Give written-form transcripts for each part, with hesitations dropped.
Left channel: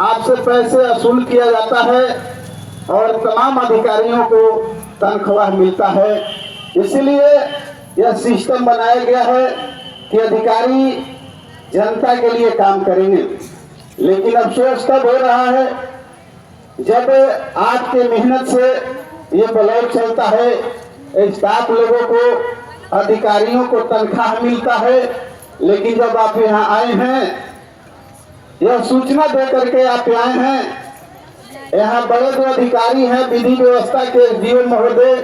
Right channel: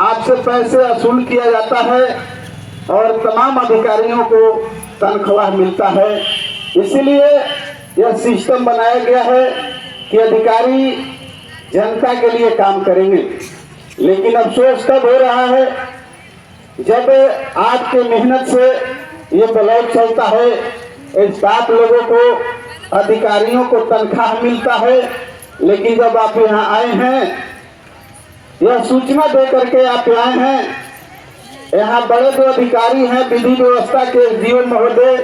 आपसे पैसे वसूल किया जाता है और तमाम अधिकारियों को तनख्वाह मिलता है। इसलिए यह सिस्टम बनाया गया है कि अधिकारी जनता के लिए काम करेंगे। लेकिन अफसोस तब हो रहा है जब आपके मेहनत से ये ब्लॉक चलता है, स्टाफ लोगों को, अधिकारियों को तनख्वाह मिलता है, लेकिन जब आप यहाँ आए हैं, यह सूचना दे करके आप आए हैं, यहाँ बड़े जो अधिकारी हैं विधि व्यवस्था के जीव महोदय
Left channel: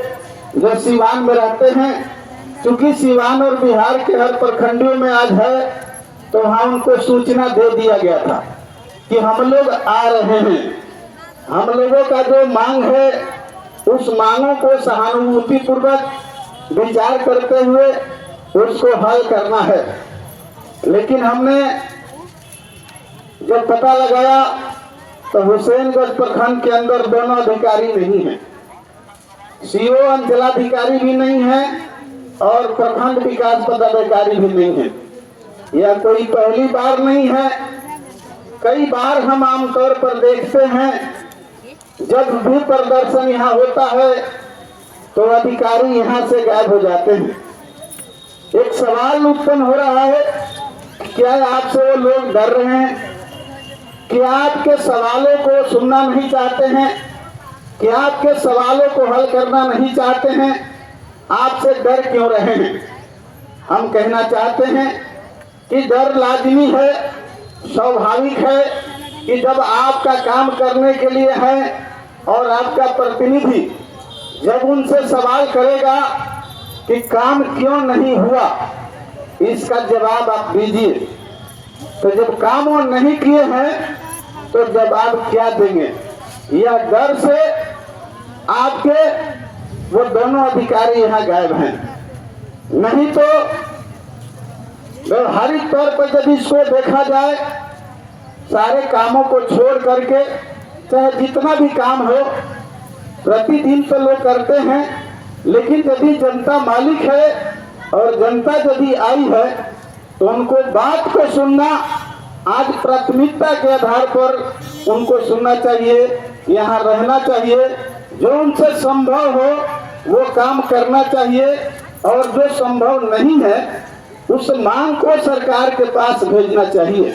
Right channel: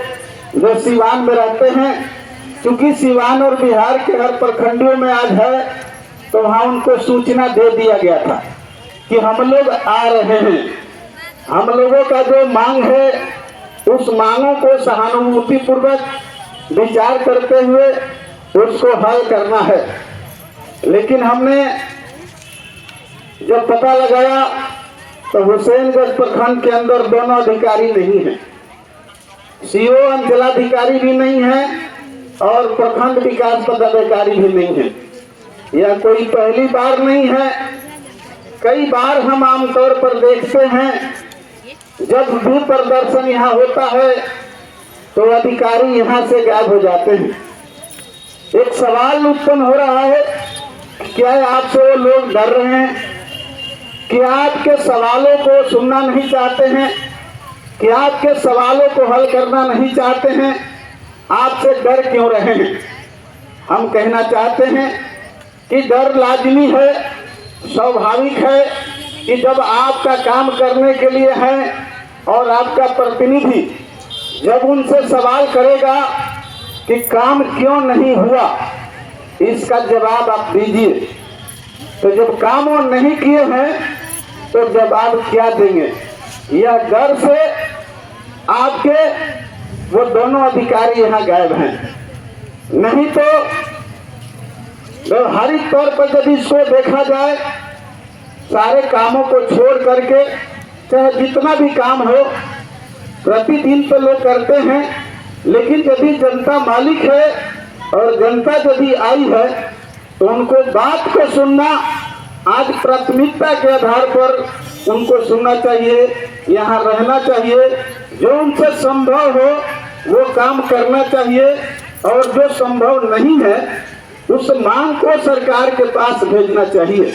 जो सिवान में रहते हैं, क्योंकि सिवान और बिहार के हर प्रखंडों में आज है, तो वहाँ उनको सूचना दे दिया गया था कि हम लोग आ रहे हैं। हम लोगों का जो मांग है उस मांगों को सहानुभूति पूर्वक विचार करते हुए उसको हल करना है। लेकिन हमने जब पता लगाया तो हुसैनगंज प्रखंड के अंदर दोनों अधिकारी नहीं हैं, सीओ अंचलाधिकारी भी नहीं है और प्रखंड विकास पदाधिकारी भी नहीं है। यह कोई पहली बार नहीं है, कई बार हम आमतौर पर देखते हैं जब भी प्रदर्शन यहाँ होता है तो अधिकारी यहाँ से गायब हो जाते हैं। एक सवाल उत्पन्न हो रहा है, क्या आपसे वो लोग डर रहे हैं कि आपके सवालों को सुनना नहीं चाहते हैं, कि आपके सवालों को हल करना नहीं चाहते हैं? आपसे डर क्यों रहे हैं? हम कहना चाहते हैं कि डर लाजमी है, स्वाभाविक है कि जब आपका काम करने के लिए है और आपका प्रतिनिधि जब उनसे सवाल करेगा कि काम क्यों नहीं हुआ, इसका जवाब आप दीजिए। तो जब काम वो नहीं किए हैं तो जवाब क्या देंगे? यह डर से आपके वो दोनों अधिकारी यहाँ गायब हैं। नहीं तो व्यवहारिक तौर पर जब इसको देखा जाए, सारे कामों को छोड़ करके चाहे जितना भी काम हो प्रतिदिन तो लोग करते हैं, लेकिन यदि जनता मालिक है और जनता यदि आई है तो उनको बात को सुनना आज प्राथमिकता के आधार पर उनको सुनना चाहिए, यहाँ रहना चाहिए, जो उनसे संभव हो वो काम करना चाहिए और जो संभव नहीं है उस मांग को सरकार के पास भेजना चाहिए।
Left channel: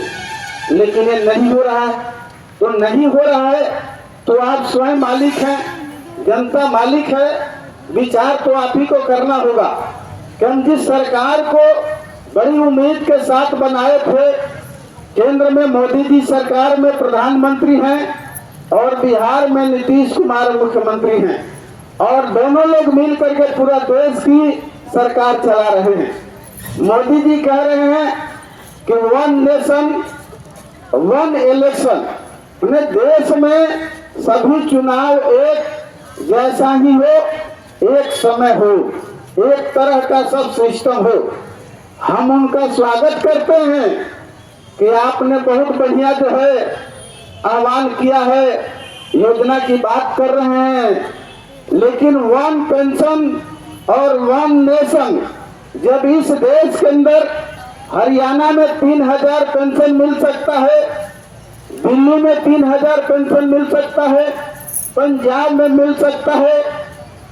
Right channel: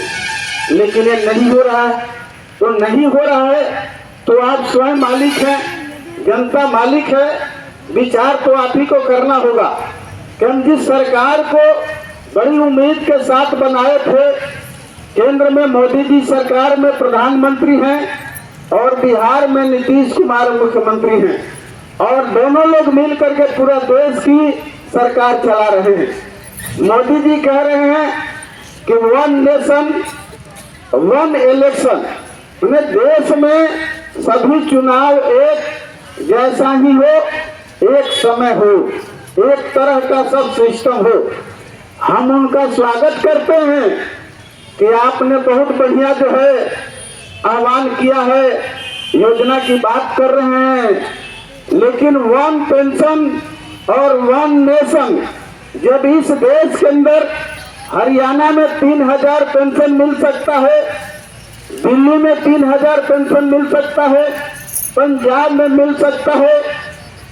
लेकिन ये नहीं हो रहा है। तो नहीं हो रहा है तो आप स्वयं मालिक हैं, जनता मालिक है, विचार तो आप ही को करना होगा कि हम जिस सरकार को बड़ी उम्मीद के साथ बनाए थे, केंद्र में मोदी जी सरकार में प्रधानमंत्री हैं और बिहार में नीतीश कुमार मुख्यमंत्री हैं और दोनों लोग मिल करके पूरा देश की सरकार चला रहे हैं। मोदी जी कह रहे हैं कि 1 नेशन 1 इलेक्शन, देश में सभी चुनाव एक जैसा ही हो, एक समय हो, एक तरह का सब सिस्टम हो। हम उनका स्वागत करते हैं कि आपने बहुत बढ़िया जो है आह्वान किया है, योजना की बात कर रहे हैं, लेकिन 1 पेंशन और 1 नेशन, जब इस देश के अंदर हरियाणा में 3000 पेंशन मिल सकता है, दिल्ली में 3000 पेंशन मिल सकता है, पंजाब में मिल सकता है,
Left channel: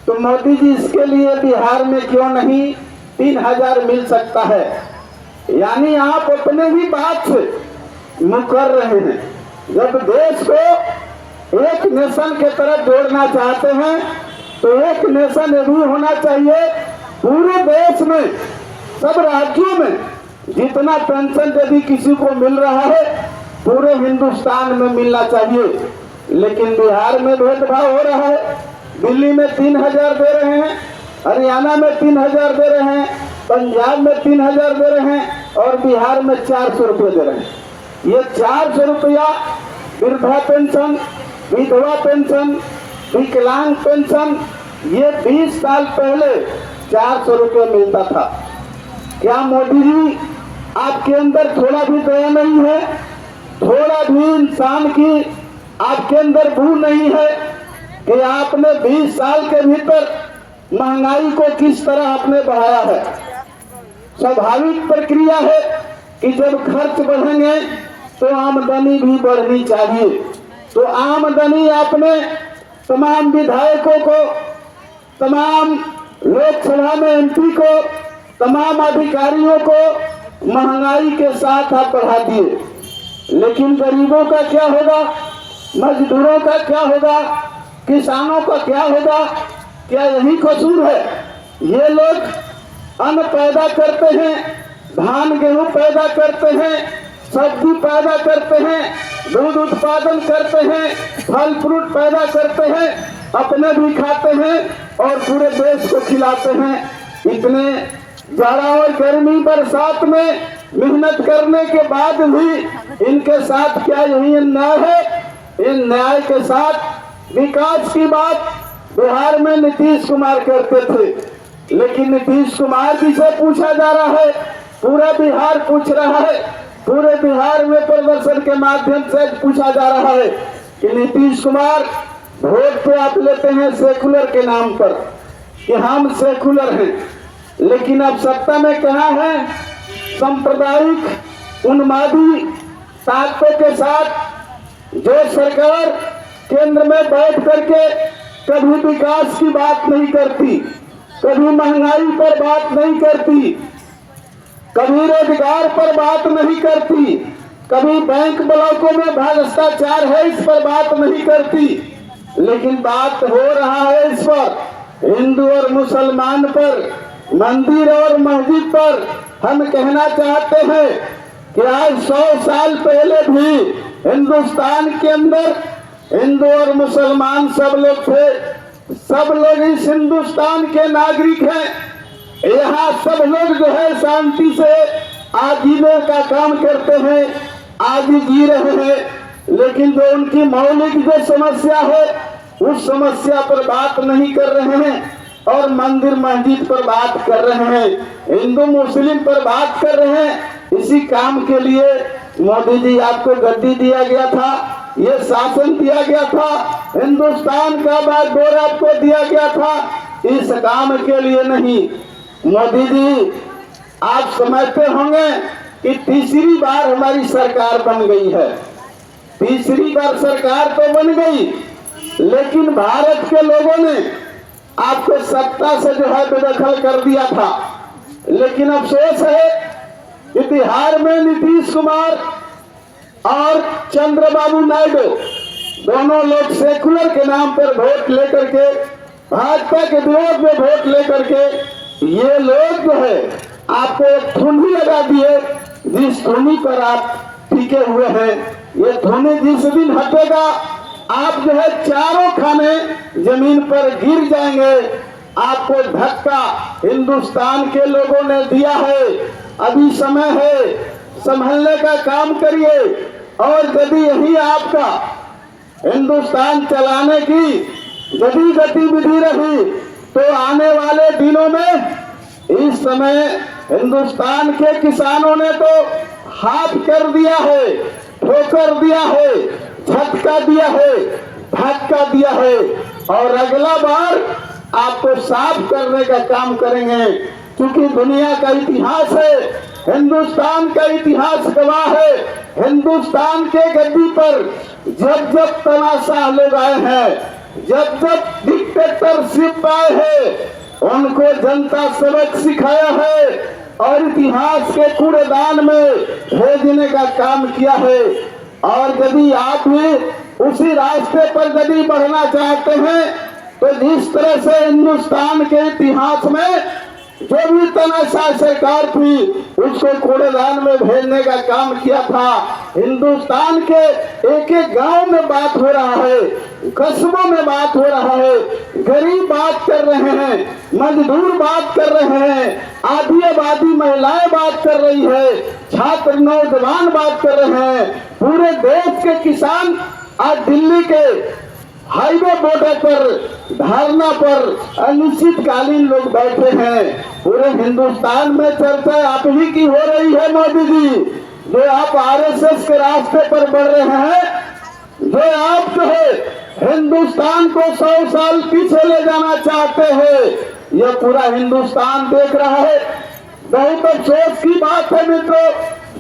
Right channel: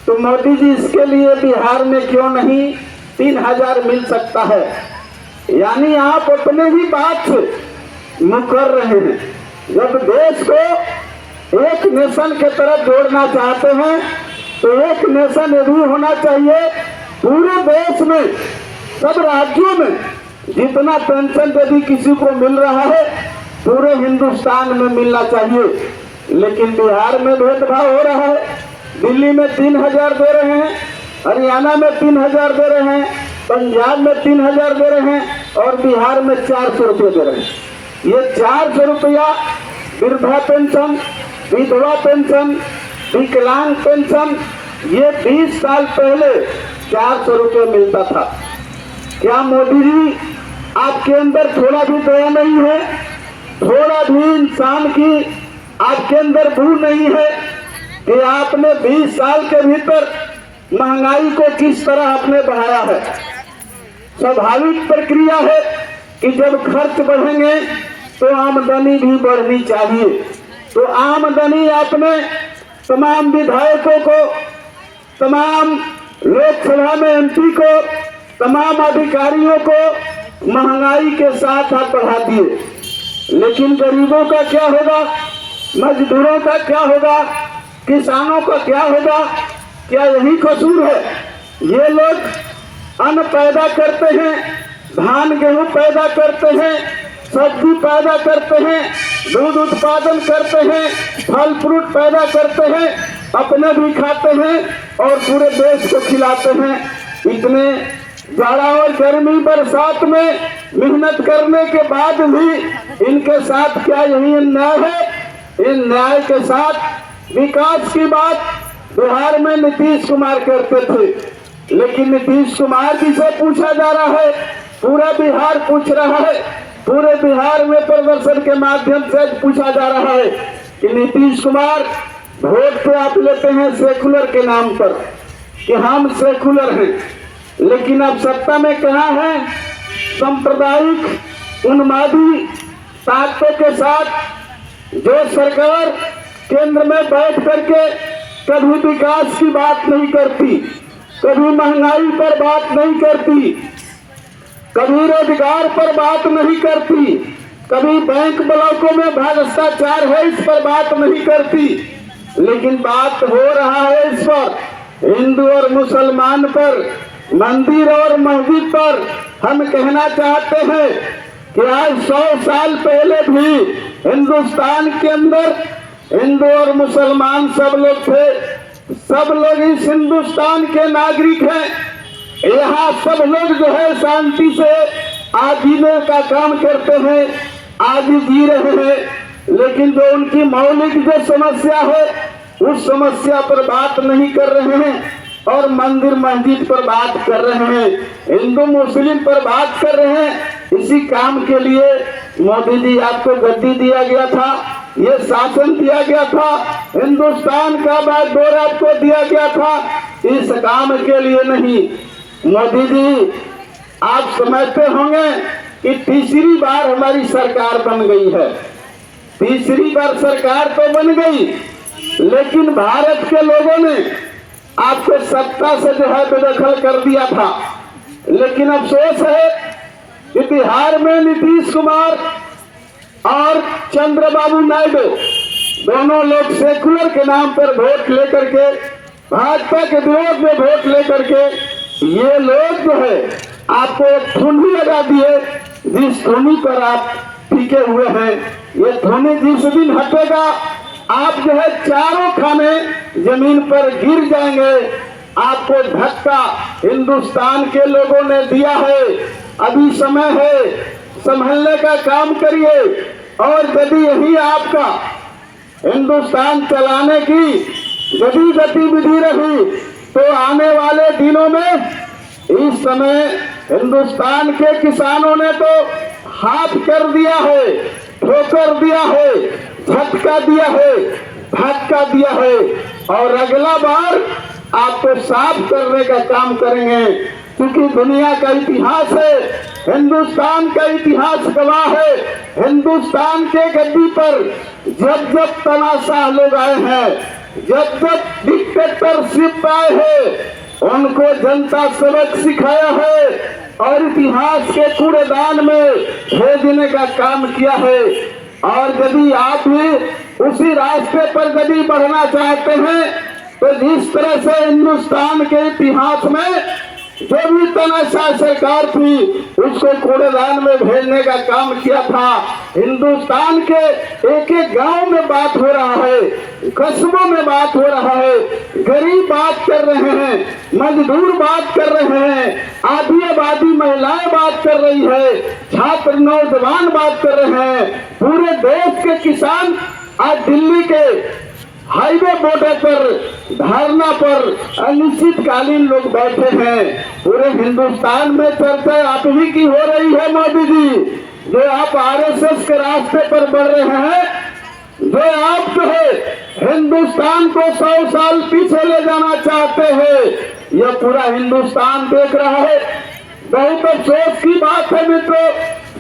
तो मोदी जी इसके लिए बिहार में क्यों नहीं 3000 मिल सकता है? यानी आप अपने ही बात से मुकर रहे हैं। जब देश को एक नेशन के तरफ जोड़ना चाहते हैं तो एक नेशन ये भी होना चाहिए, पूरे देश में सब राज्यों में जितना पेंशन यदि किसी को मिल रहा है पूरे हिंदुस्तान में मिलना चाहिए। लेकिन बिहार में भेदभाव हो रहा है, दिल्ली में 3000 दे रहे हैं, हरियाणा में 3000 दे रहे हैं, पंजाब में 3000 दे रहे हैं और बिहार में 400 रुपये दे रहे हैं। ये 400 रुपया वृद्धा पेंशन, विधवा पेंशन, विकलांग पेंशन, ये 20 साल पहले 400 रुपये मिलता था। क्या मोदी जी आपके अंदर थोड़ा भी दया नहीं है, थोड़ा भी इंसान की आपके अंदर भूल नहीं है कि आपने 20 साल के भीतर महंगाई को किस तरह आपने बढ़ाया है? स्वाभाविक प्रक्रिया है कि जब खर्च बढ़ेंगे तो आमदनी भी बढ़नी चाहिए। तो आमदनी आपने तमाम विधायकों को, तमाम लोकसभा में एमपी को, तमाम अधिकारियों को महंगाई के साथ आप बढ़ा दिए, लेकिन गरीबों का क्या होगा, मजदूरों का क्या होगा, किसानों का क्या होगा? क्या यही कसूर है? ये लोग अन्न पैदा करते हैं, धान गेहूं पैदा करते हैं, सब्जी पैदा करते हैं, दूध उत्पादन करते हैं, फल फ्रूट पैदा करते हैं, अपने भी खाते हैं और पूरे देश को खिलाते हैं। इतने जाड़ा और गर्मी बरसात में मेहनत करने के बाद भी इनके साथ क्या यही अन्याय है? इन न्याय के साथ विकास की बात बिहार में नीतीश कुमार करते थे, लेकिन नीतीश कुमार जी से पूछा जा रहा है, पूरा बिहार पूछ रहा है, पूरे बिहार में प्रदर्शन के माध्यम से पूछा जा रहा है कि नीतीश कुमार वोट तो आप लेते हैं सेकुलर के नाम पर कि हम सेकुलर हैं, लेकिन अब सत्ता में कहाँ है? सांप्रदायिक उन्मादी ताकतों के साथ जो सरकार केंद्र में बैठ करके कभी विकास की बात नहीं करती, कभी महंगाई पर बात नहीं करती, कभी रोजगार पर बात नहीं करती, कभी बैंक ब्लॉकों में भ्रष्टाचार है इस पर बात नहीं करती, लेकिन बात हो रहा है इस पर हिंदू और मुसलमान पर, मंदिर और मस्जिद पर। हम कहना चाहते हैं कि आज 100 साल पहले भी हिंदुस्तान के अंदर हिंदू और मुसलमान सब लोग थे, सब लोग इस हिंदुस्तान के नागरिक हैं। यहाँ सब लोग जो है शांति से आज जीने का काम करते हैं, आज जी रहे हैं, लेकिन जो उनकी मौलिक जो समस्या है उस समस्या पर बात नहीं कर रहे हैं और मंदिर मस्जिद पर बात कर रहे हैं, हिंदू मुस्लिम पर बात कर रहे हैं। इसी काम के लिए मोदी जी आपको गद्दी दिया गया था, ये शासन दिया गया था, हिंदुस्तान का बागडोर आपको दिया गया था, इस काम के लिए नहीं। मोदी जी आप समझते होंगे कि तीसरी बार हमारी सरकार बन गई है, तीसरी बार सरकार तो बन गई, लेकिन भारत के लोगों ने आपको सत्ता से जो है बेदखल कर दिया था। लेकिन अफसोस है कि बिहार में नीतीश कुमार और चंद्रबाबू नायडू दोनों लोग सेकुलर के नाम पर वोट लेकर के, भाजपा के विरोध में वोट लेकर के, ये लोग जो है आपको एक धुनी लगा दिए, जिस धुनी पर आप टिके हुए हैं, ये धुनी जिस दिन हटेगा आप जो है चारों खाने जमीन पर गिर जाएंगे। आपको धक्का हिंदुस्तान के लोगों ने दिया है, अभी समय है, संभलने का काम करिए। और यदि यही आपका हिंदुस्तान चलाने की यदि गतिविधि रही तो आने वाले दिनों में इस समय हिंदुस्तान के किसानों ने तो हाथ कर दिया है, ठोकर दिया है, झटका दिया है, धक्का दिया है, और अगला बार आपको साफ करने का काम करेंगे। क्योंकि दुनिया का इतिहास है, हिंदुस्तान का इतिहास गवाह है, हिंदुस्तान के गद्दी पर जब जब तानाशाह लोग आए हैं, जब जब डिक्टेटरशिप आए हैं, उनको जनता सबक सिखाया है और इतिहास के कूड़ेदान में भेजने का काम किया है। और यदि आप भी उसी रास्ते पर यदि बढ़ना चाहते हैं तो जिस तरह से हिंदुस्तान के इतिहास में जो भी तानाशाह सरकार थी उसको कूड़ेदान में भेजने का काम किया था, हिंदुस्तान के एक एक गांव में बात हो रहा है, कस्बों में बात हो रहा है, गरीब बात कर रहे हैं, मजदूर बात कर रहे हैं, आधी आबादी महिलाएं बात कर रही है, छात्र नौजवान बात कर रहे हैं, पूरे देश के किसान आज दिल्ली के हाईवे बॉर्डर पर धरना पर अनिश्चितकालीन लोग बैठे हैं। पूरे हिंदुस्तान में चर्चा आप ही की हो रही है मोदी जी, जो आप आरएसएस के रास्ते पर बढ़ रहे हैं, जो आप जो है हिंदुस्तान को 100 साल पीछे ले जाना चाहते हैं। यह पूरा हिंदुस्तान देख रहा है। बहुत अफसोस की बात है मित्रों,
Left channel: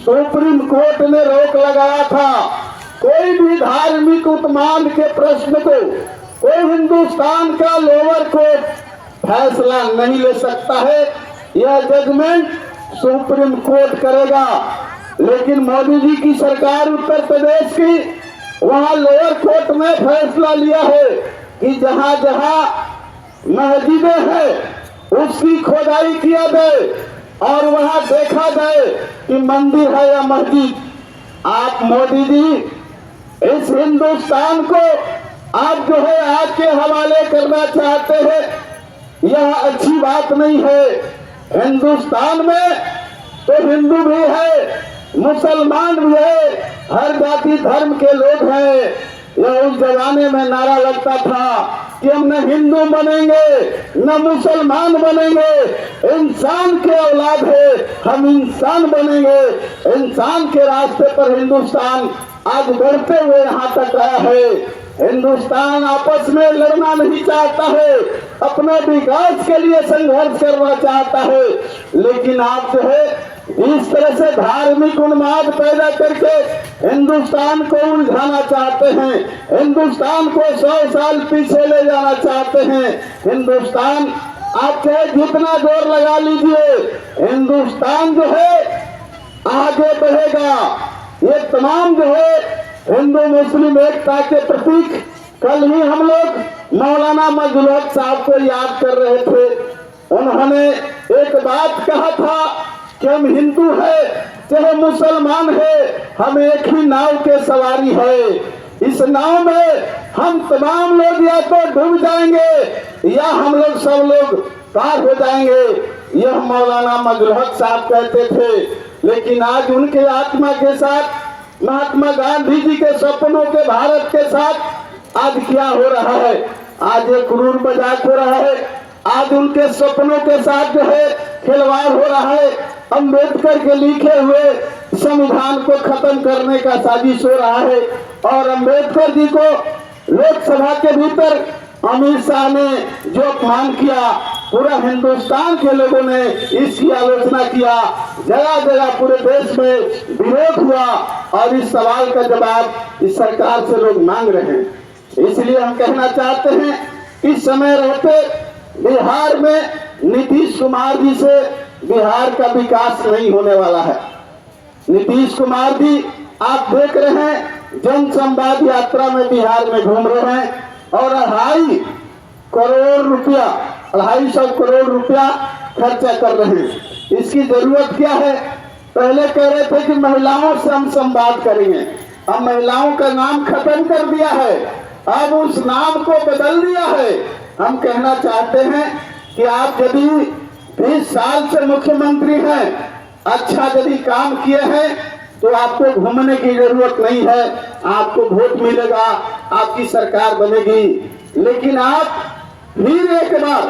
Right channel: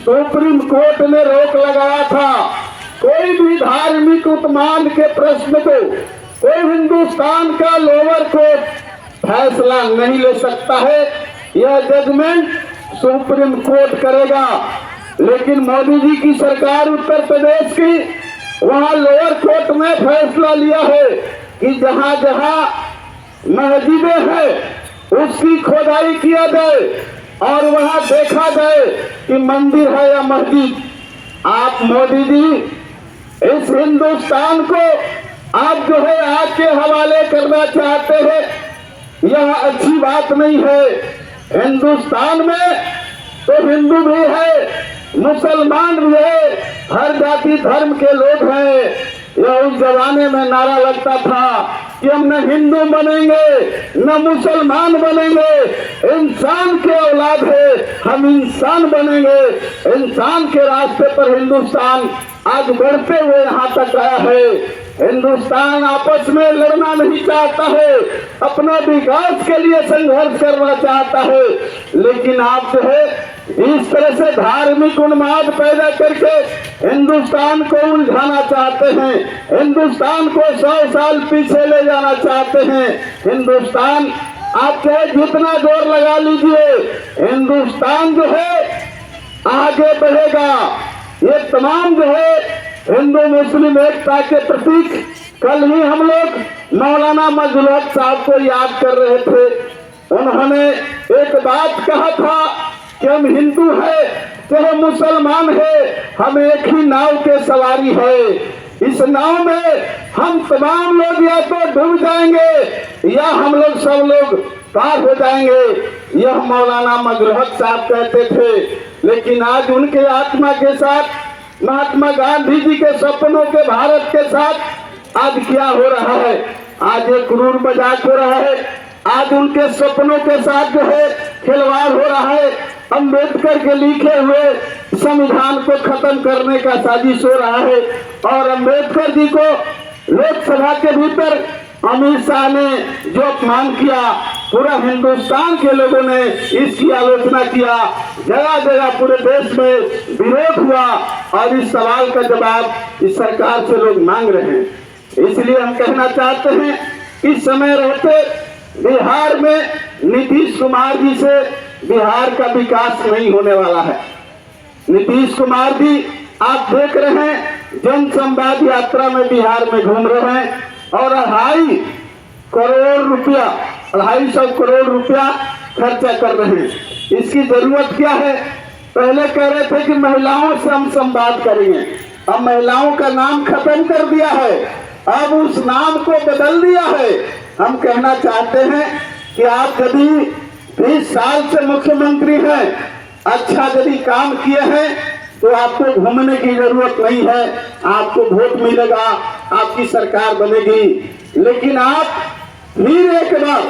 सुप्रीम कोर्ट ने रोक लगाया था। कोई भी धार्मिक उत्मांड के प्रश्न को कोई हिंदुस्तान का लोअर कोर्ट फैसला नहीं ले सकता है, यह जजमेंट सुप्रीम कोर्ट करेगा। लेकिन मोदी जी की सरकार उत्तर प्रदेश की, वहां लोअर कोर्ट ने फैसला लिया है कि जहां जहां मस्जिदें हैं उसकी खोदाई किया जाए और वहां देखा जाए कि मंदिर है या मस्जिद। आप मोदी जी इस हिंदुस्तान को आप जो है आग के हवाले करना चाहते हैं, यह अच्छी बात नहीं है। हिंदुस्तान में तो हिंदू भी है, मुसलमान भी है, हर जाति धर्म के लोग हैं। यह उस जमाने में नारा लगता था कि हम न हिंदू बनेंगे न मुसलमान बनेंगे, इंसान के औलाद है, हम इंसान बनेंगे। इंसान के रास्ते पर हिंदुस्तान आज बढ़ते हुए यहाँ तक आया है। हिंदुस्तान आपस में लड़ना नहीं चाहता है, अपने विकास के लिए संघर्ष करना चाहता है। लेकिन आप जो है इस तरह से धार्मिक उन्माद पैदा करके हिंदुस्तान को उलझाना चाहते हैं, हिंदुस्तान को 100 साल पीछे ले जाना चाहते हैं। हिंदुस्तान आप चाहे जितना जोर लगा लीजिए, हिंदुस्तान जो है आगे बढ़ेगा। ये तमाम जो है हिंदू मुस्लिम एकता के प्रतीक कल ही हम लोग मौलाना मजहरुल हक साहब को याद कर रहे थे। उन्होंने एक बात कहा था कि हम हिंदू है चाहे मुसलमान है, हम एक ही नाव के सवारी है। इस नाव में हम तमाम लोग या तो डूब जाएंगे या हम लोग सब लोग पार हो जाएंगे। यह मौलाना मजहरुल हक साहब कहते थे। लेकिन आज उनके आत्मा के साथ, महात्मा गांधी जी के सपनों के भारत के साथ आज क्या हो रहा है? आज एक क्रूर मजाक हो रहा है। आज उनके सपनों के साथ जो है खिलवाड़ हो रहा है। अम्बेडकर के लिखे हुए संविधान को खत्म करने का साजिश हो रहा है और अम्बेडकर जी को लोकसभा के भीतर अमित शाह ने जो अपमान किया, पूरा हिंदुस्तान के लोगों ने इसकी आलोचना किया। जगह जगह पूरे देश में विरोध हुआ और इस सवाल का जवाब इस सरकार से लोग मांग रहे हैं। इसलिए हम कहना चाहते हैं इस समय रहते बिहार में नीतीश कुमार जी से बिहार का विकास नहीं होने वाला है। नीतीश कुमार जी आप देख रहे हैं जन संवाद यात्रा में बिहार में घूम रहे हैं और 250 करोड़ रुपया खर्चा कर रहे हैं। इसकी जरूरत क्या है? पहले कह रहे थे कि महिलाओं से हम संवाद करेंगे, अब महिलाओं का नाम खत्म कर दिया है, अब उस नाम को बदल दिया है। हम कहना चाहते हैं कि आप यदि 20 साल से मुख्यमंत्री हैं, अच्छा यदि काम किए हैं तो आपको घूमने की जरूरत नहीं है, आपको वोट मिलेगा, आपकी सरकार बनेगी। लेकिन आप फिर एक बार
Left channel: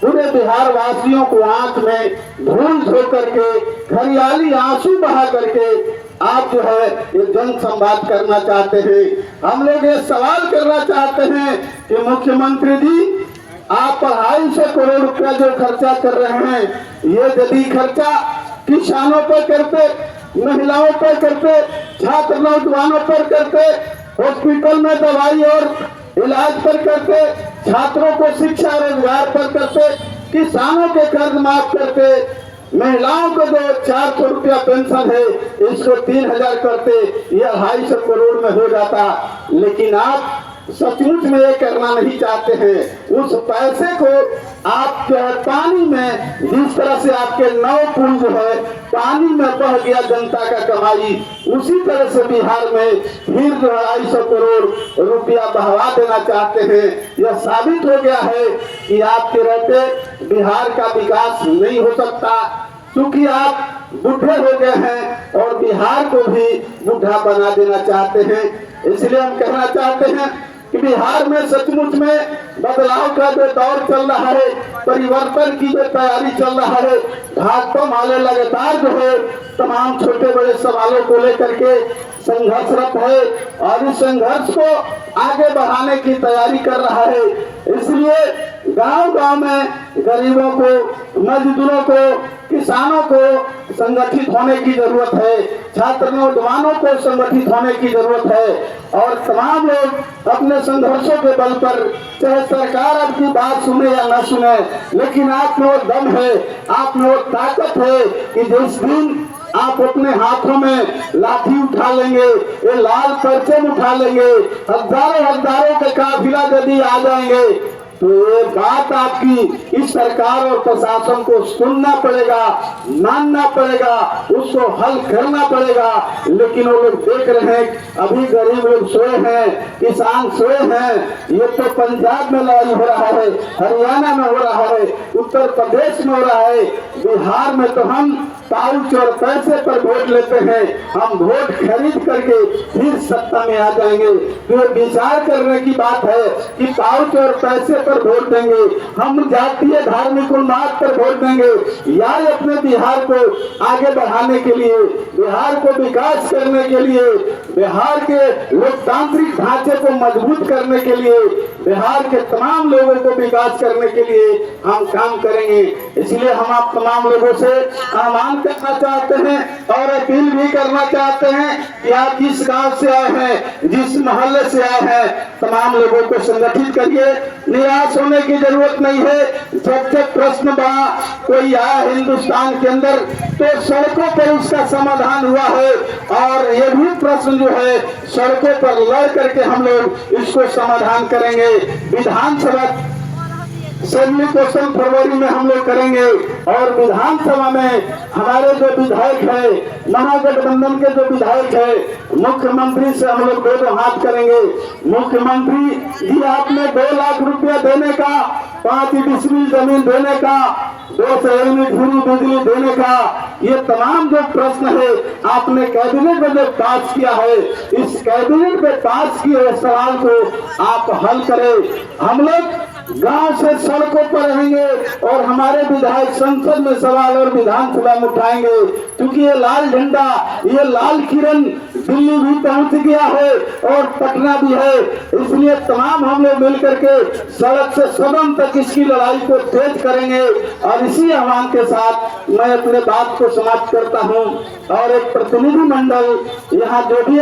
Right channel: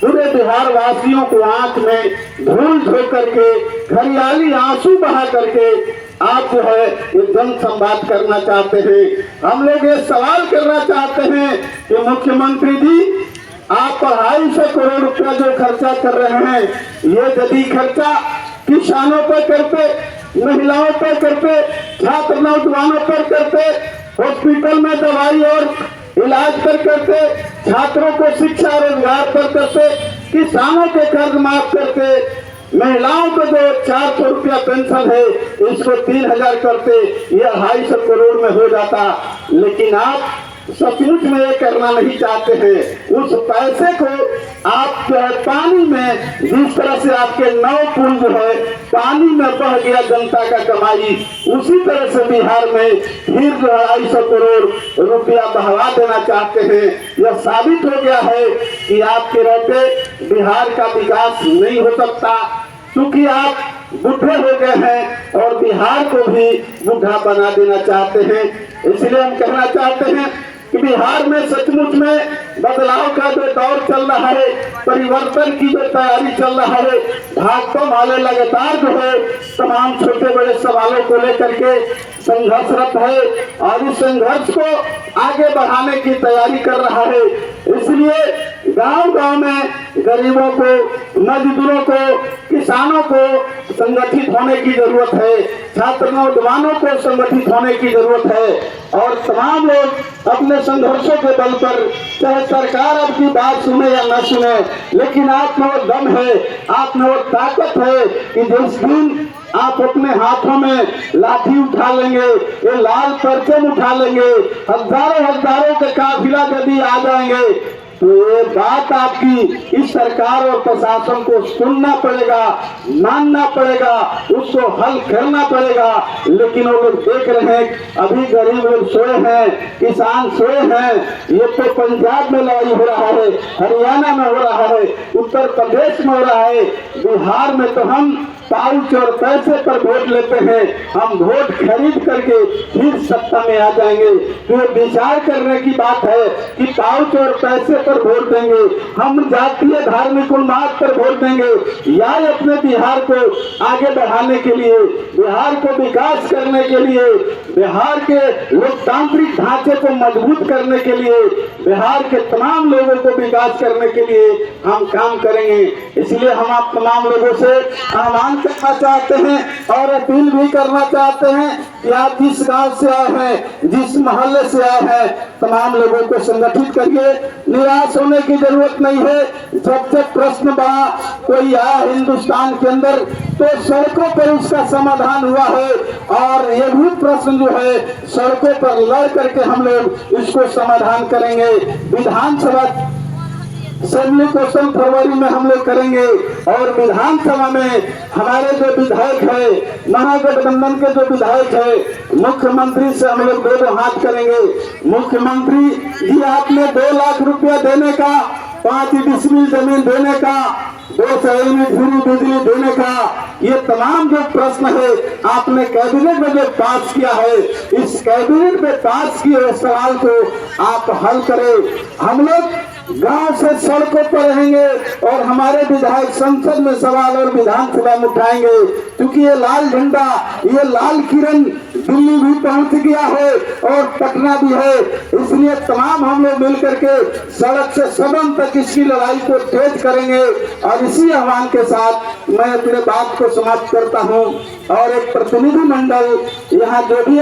पूरे बिहार वासियों को आंख में धूल धो करके, हरियाली आंसू बहा करके आप जो है ये जन संवाद करना चाहते हैं। हम लोग ये सवाल करना चाहते हैं कि मुख्यमंत्री जी आप 250 करोड़ रुपया जो खर्चा कर रहे हैं, ये यदि खर्चा किसानों पर करते, महिलाओं पर करते, छात्र नौजवानों पर करते, हॉस्पिटल में दवाई और इलाज पर करते, छात्रों को शिक्षा रोजगार पर करते, किसानों के कर्ज माफ करते, महिलाओं को जो 400 रुपया पेंशन है इसको 3000 करते, ये 250 करोड़ में हो जाता। लेकिन आप सचमुच में ये करना नहीं चाहते हैं। उस पैसे को आप जो है पानी में, जिस तरह से आपके 9 पुल जो है पानी में बह गया जनता का कमाई, उसी तरह से बिहार में फिर जो 250 करोड़ रुपया बहवा देना चाहते हैं। यह साबित हो गया है कि आपके रहते बिहार का विकास नहीं हो सकता, क्योंकि आप बुढ़े हो गए हैं और बिहार को भी बुढ़ा बना देना चाहते हैं। इसलिए हम कहना चाहते हैं कि बिहार में सचमुच में बदलाव का जो दौर चल रहा है, परिवर्तन की जो तैयारी चल रहा है, भाजपा वाले लगातार जो है तमाम छोटे बड़े सवालों को लेकर के संघर्षरत है और इस संघर्ष को आगे बढ़ाने की तैयारी कर रहा है। इसलिए गांव-गांव में गरीबों को, मजदूरों को, किसानों को संगठित होने की जरूरत है, छात्र नौजवानों को संगठित होने की जरूरत है और तमाम लोग अपने संघर्षों के बल पर, चाहे सरकार आपकी बात सुने या न सुने, लेकिन आप में वो दम है, आप में वो ताकत है कि जिस दिन आप अपने हाथों में लाठी उठा लेंगे, ये लाल परचम उठा लेंगे, हजारों के काफिला यदि आ जाएंगे तो ये बात आपकी इस सरकार और प्रशासन को सुनना पड़ेगा, मानना पड़ेगा, उसको हल करना पड़ेगा। लेकिन वो लोग देख रहे हैं अभी गरीब लोग सोए हैं, किसान सोए हैं। ये तो पंजाब में लड़ाई हो रहा है, हरियाणा में हो रहा है, उत्तर प्रदेश में हो रहा है, बिहार में तो हम पाउच और पैसे पर वोट लेते हैं, हम वोट खरीद करके फिर सत्ता में आ जाएंगे। तो विचार करने की बात है कि पाउच और पैसे पर वोट देंगे, हम जातीय धार्मिक उन्माद पर वोट देंगे या अपने बिहार को आगे बढ़ाने के लिए, बिहार को विकास करने के लिए, बिहार के लोकतांत्रिक ढांचे को मजबूत करने के लिए, बिहार के तमाम लोगों को विकास करने के लिए हम काम करेंगे। इसलिए हम आप तमाम लोगों से आह्वान करना चाहते हैं और अपील भी करना चाहते हैं कि आप जिस गांव से आए हैं, जिस मोहल्ले से आए हैं, तमाम लोगों को संगठित करिए। निराश होने की जरूरत नहीं है। जब जब प्रश्न बना कोई आया हिंदुस्तान के अंदर तो सड़कों पर उसका समाधान हुआ है और ये भी प्रश्न जो है सड़कों पर लड़ करके हम लोग इसको समाधान करेंगे। विधानसभा असेंबली क्वेश्चन फरवरी में हम लोग करेंगे और विधानसभा में हमारे जो विधायक है, महागठबंधन के जो विधायक है, मुख्यमंत्री से हम लोग दो हाथ करेंगे। मुख्यमंत्री जी आपने 2 लाख रुपया देने का, 5 डिसमिल जमीन देने का, 2 शहर में फ्री बिजली देने का, ये तमाम जो प्रश्न है आपने कैबिनेट में जो पास किया है, इस कैबिनेट में पास किए हुए सवाल को आप हल करें। हम लोग गांव से सड़कों पर रहेंगे और हमारे विधायक संसद में सवाल और विधानसभा में उठाएंगे, क्योंकि ये लाल झंडा, ये लाल किरण दिल्ली भी पहुंच गया है और पटना भी है। इसलिए तमाम हम लोग मिलकर के सड़क से सदन तक इसकी लड़ाई को तेज करेंगे और इसी आह्वान के साथ मैं अपने बात को समाप्त करता हूं और एक प्रतिनिधि मंडल यहाँ जो भी